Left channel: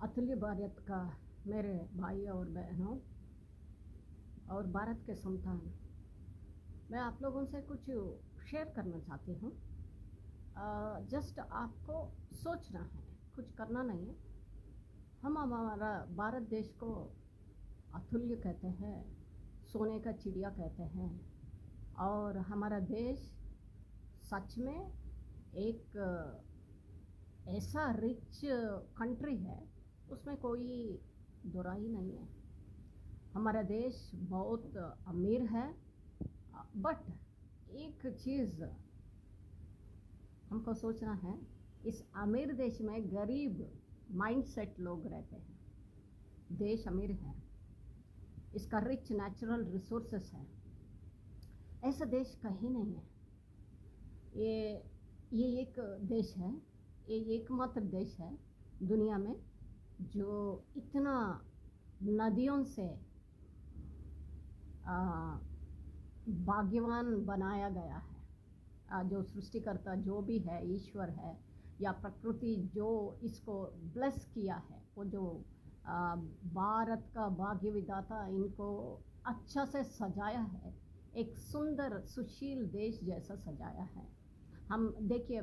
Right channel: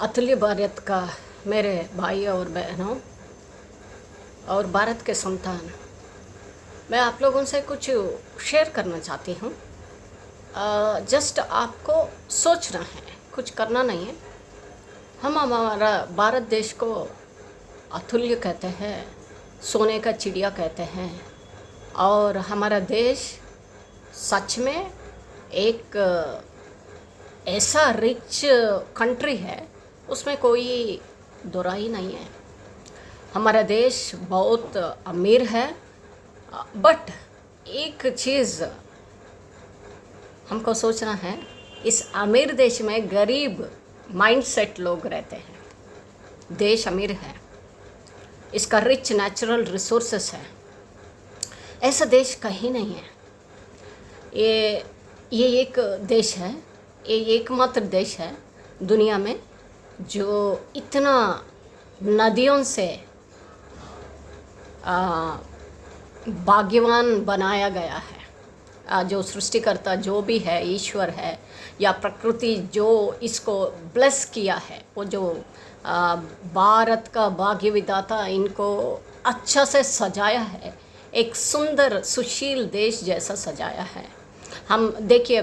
अतुल्य भारत का मेरे भाई और बहनों और भारत के संतान, मैं आप लोगों से कुछ शेयर करना चाहती हूँ। जस्ट आपको सोचना है, कुछ करना नहीं है। हम हमारा भारत देश को अतुल्य कहते हैं, सोने का चिड़िया कहते हैं। और हमारा देश सच में एक ऐसा रिच कंट्री है, उसमें कोई दोराई नहीं है। हमारा देश बहुत अमीर है, बट एक चीज़ हमको सोचना है, इस अमीर देश में गरीब माइंडसेट लोग रहते हैं। देश अमीर है, इसका रिच नेचुरल रिसोर्सेस है, ऐसा देश कहीं नहीं है। ये एक देश है, ये एकमात्र देश है दुनिया में जो इतना नदियों से भाग्यवान बनाया गया है। जो सृष्टिकर्ता जो भी है, ईश्वर है या प्रकृति जो इसको ब्लेस किया है, वो जो भारत का भाग्य विधाता इनको अच्छा से सजाया है, एक सुंदर सुशील देश जैसा सजाया है। हम देखिए,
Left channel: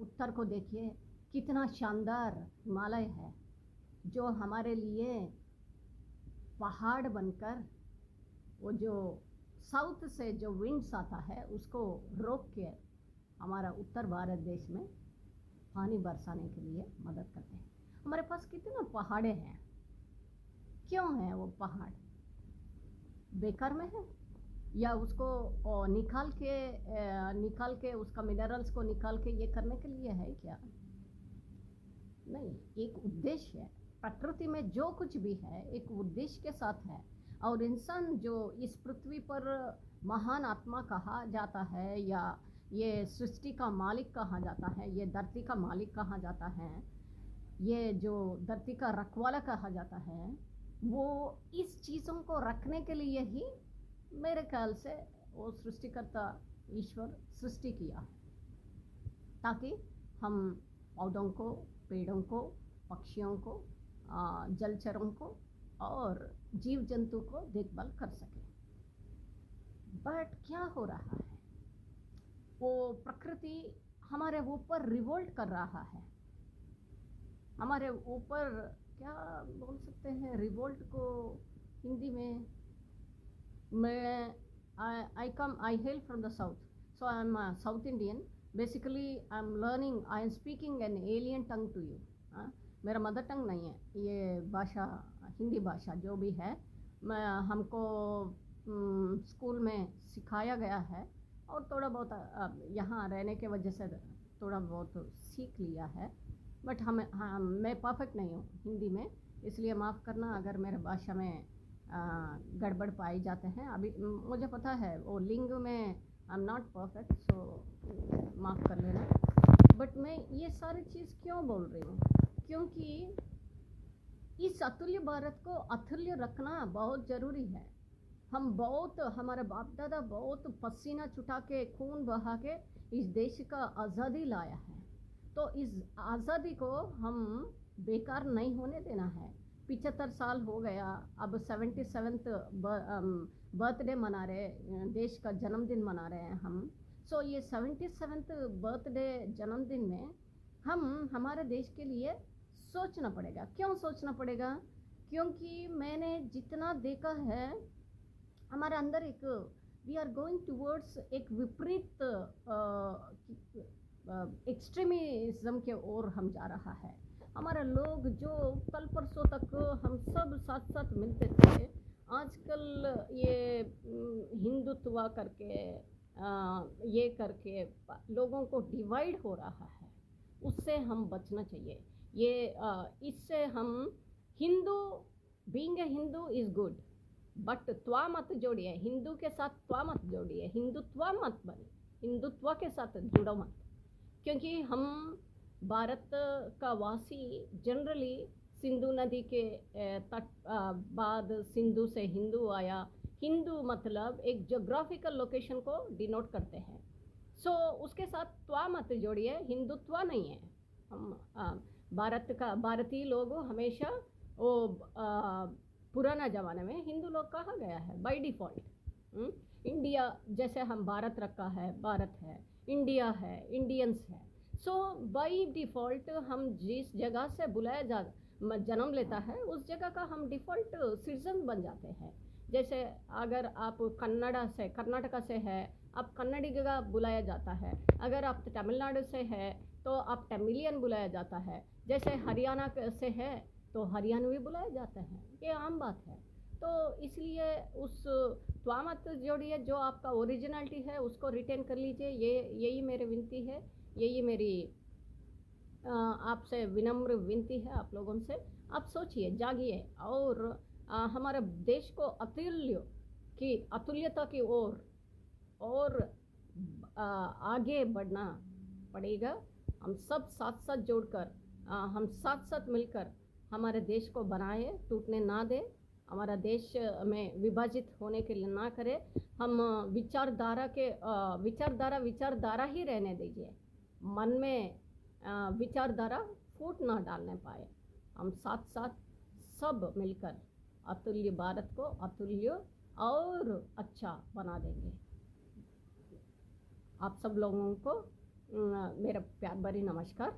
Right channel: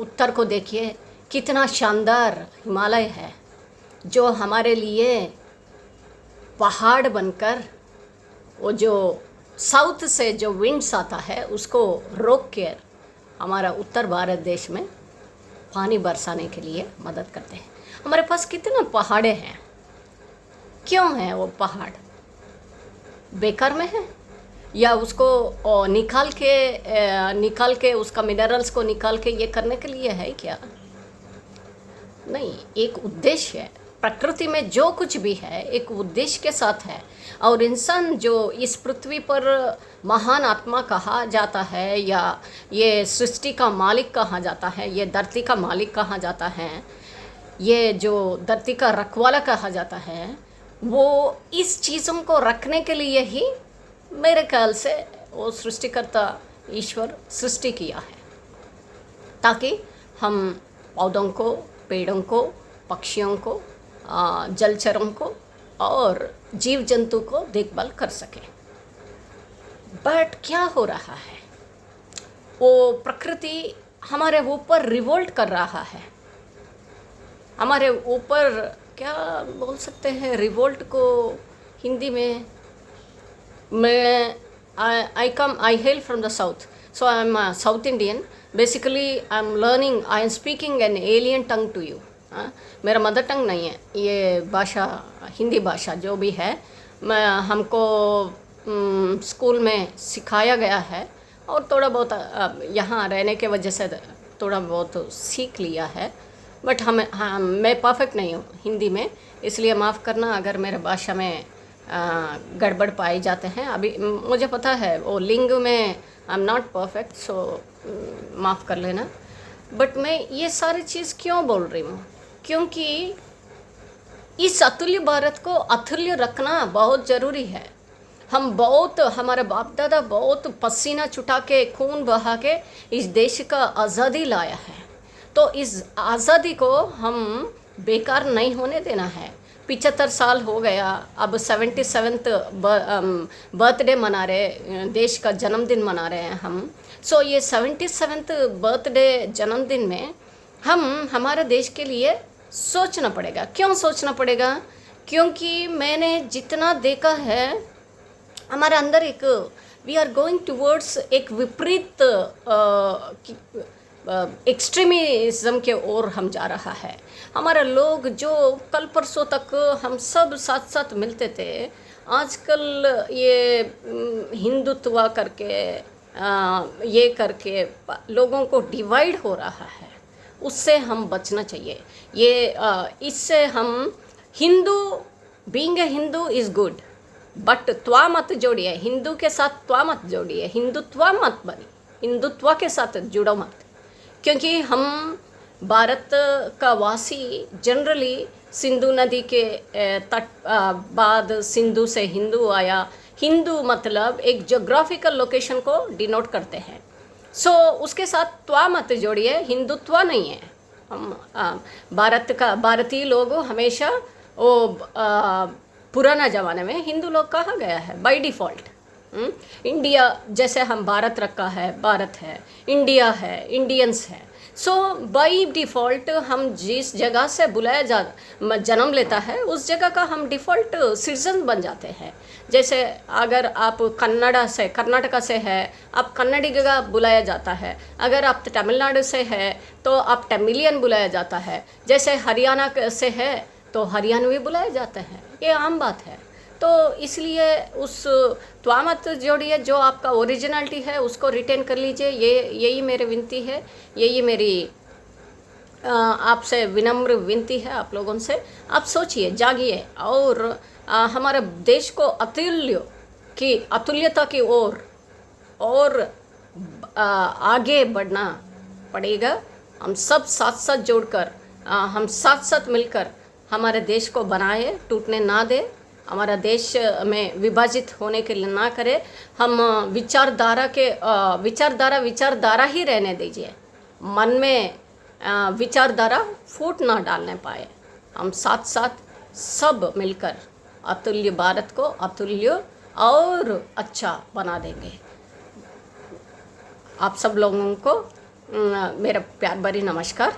उत्तर को देखिए, कितना शानदार हिमालय है जो हमारे लिए पहाड़ बनकर, वो जो साउथ से जो विंड्स आता है उसको रोक कर हमारा उत्तर भारत देश में पानी बरसाने के लिए मदद करते हैं। हमारे पास कितने पहाड़े हैं, क्यों हैं वो पहाड़? बेकार में है या उसको निकाल के उसका मिनरल्स को निकाल के ये करने के लिए है क्या? नहीं, एक उद्देश्य है। प्रकृति में जो कुछ भी है एक उद्देश्य के साथ है। और इंसान जो इस पृथ्वी पर महान आत्मा कहा जाता है, या ये सृष्टि का मालिक कहा जाता है, ये धरती का मालिक कहा जाता है, ये जो धरती का रखवाला कहा जाता है, वो इस चीज़ों को रखने के लिए ही मेरे ख्याल से वो सृष्टिकर्ता ईश्वर सृष्टि किया है, ताकि हम पौधों को, पेड़ों को, पक्षियों को, जलचरों को और जीव जंतु को देखभाल कर सके। बट क्या हो रहा है, वो प्रकृति हमारे ऊपर रिवोल्ट कर रहा है। हमारे ऊपर क्या बोल सकते हैं रिवोल्ट को हिंदी में? मैं I hail from the south, so I am South Indian. Basically I am learning, I am speaking an alien tongue to you. मेरा मदर टंग नहीं है ये भाषा, हिंदी भाषा जो भी है, मैं हमको स्कूल में सिखाया गया है और थोड़ा बहुत यहाँ रहने के वजह से थोड़ा बहुत सीख लिया है। बट मैं परफेक्ट नहीं हूँ हिंदी में, इसलिए माफ़ करना अगर मेरे भाषा में गड़बड़ पाए जाते हैं। अभी मुझे पता है वो लिंग में आई एम नॉट परफेक्ट, सो माफ़ कर लेना। बट मैं ये सारी चीज़ क्यों बोल रही हूँ? क्योंकि इस अतुल्य भारत को अतुल्य रखना बहुत ज़रूरी है। हमारे बाप दादा बहुत पसीना छुटा के, खून बहा के इस देश का आज़ादी लाया है, तो इस आज़ादी को हम बेकार नहीं होने देना है। 75 साल हो गया, अब 77th बर्थडे मना रहे, देश का जन्मदिन मना रहे हैं हम। सो ये 77th बर्थडे जन्मदिन में हमारे देश के लिए सोचना पड़ेगा। क्यों सोचना पड़ेगा? क्योंकि मैंने जितना देखा है, हमारे अंदर एक वी आर गोइंग टूवर्ड्स एक विपरीत एक्सट्रीमिज्म के ओर हम जा रहा है। हमारे लोग जो कल परसों तक हम सब साथ साथ मिलते थे, आजकल ये हिंदुत्व करके ये करके लोगों को डिवाइड हो रहा है। उससे हम बचना चाहिए। इससे हम Hindu, being a Hindu is good, but त्वा मत जोड़िए, हिंदू के साथ त्वा मत जोड़िए, हिंदुत्व मत बनी, हिंदुत्व के साथ जुड़ो मत। क्योंकि हम भारत का वासी जनरली सिंधु नदी के तट बाद सिंधु से हिंदू आया। हिंदू मतलब एक जोग्राफिकल लोकेशन को डिनोट करते हैं। सो उसके साथ त्वा मत जोड़िए, हिंदुत्व नहीं है। हम भारतीय लोग हमेशा वो पुराना ज़माने में हिंदू लोग कहा गया है बाय डिफ़ॉल्ट। इंडिया जैसे हम भारत रखा है, भारत है, इंडिया है, इंडियंस है। सो बाय डिफ़ॉल्ट हम जिस जगह से जन्म लेता है उस जगह का हम डिफ़ॉल्ट सिटीजन बन जाते हैं। जैसे अगर आप कर्नाटका से है, आप कन्नड़ी का बुलाया जाता है। अगर आप तमिलनाडु से है तो आप तमिलियन बुलाया जाता है। जैसे हरियाणा से है तो हरियाणवी बुलाया जाता है। ये आम बात है। तो इसलिए उस त्वा मत जोड़िए, जो आपका ओरिजिनलिटी है उसको रिटेन कर लीजिए। यही मेरी विनती है, यही मेरी आपसे विनम्र विनती है आप लोगों से। आप सोचिए, जागिए और हमारे देश को अतुल्यता की ओर और आगे बढ़ना पड़ेगा। हम सब साथ साथ जोड़कर हम साथ साथ मिलकर हमारे देश को बनाए, टूटने ना दे, हमारा देश में विभाजित होने के लिए ना करे। हम विचारधारा ही रहने दीजिए, मन में विचारधारा फूट ना डालने पाए। हम साथ साथ सब मिलकर अतुल्य भारत को अतुल्य और अच्छा बना देंगे। आप सब लोगों को मेरा प्यार भरी नमस्कार।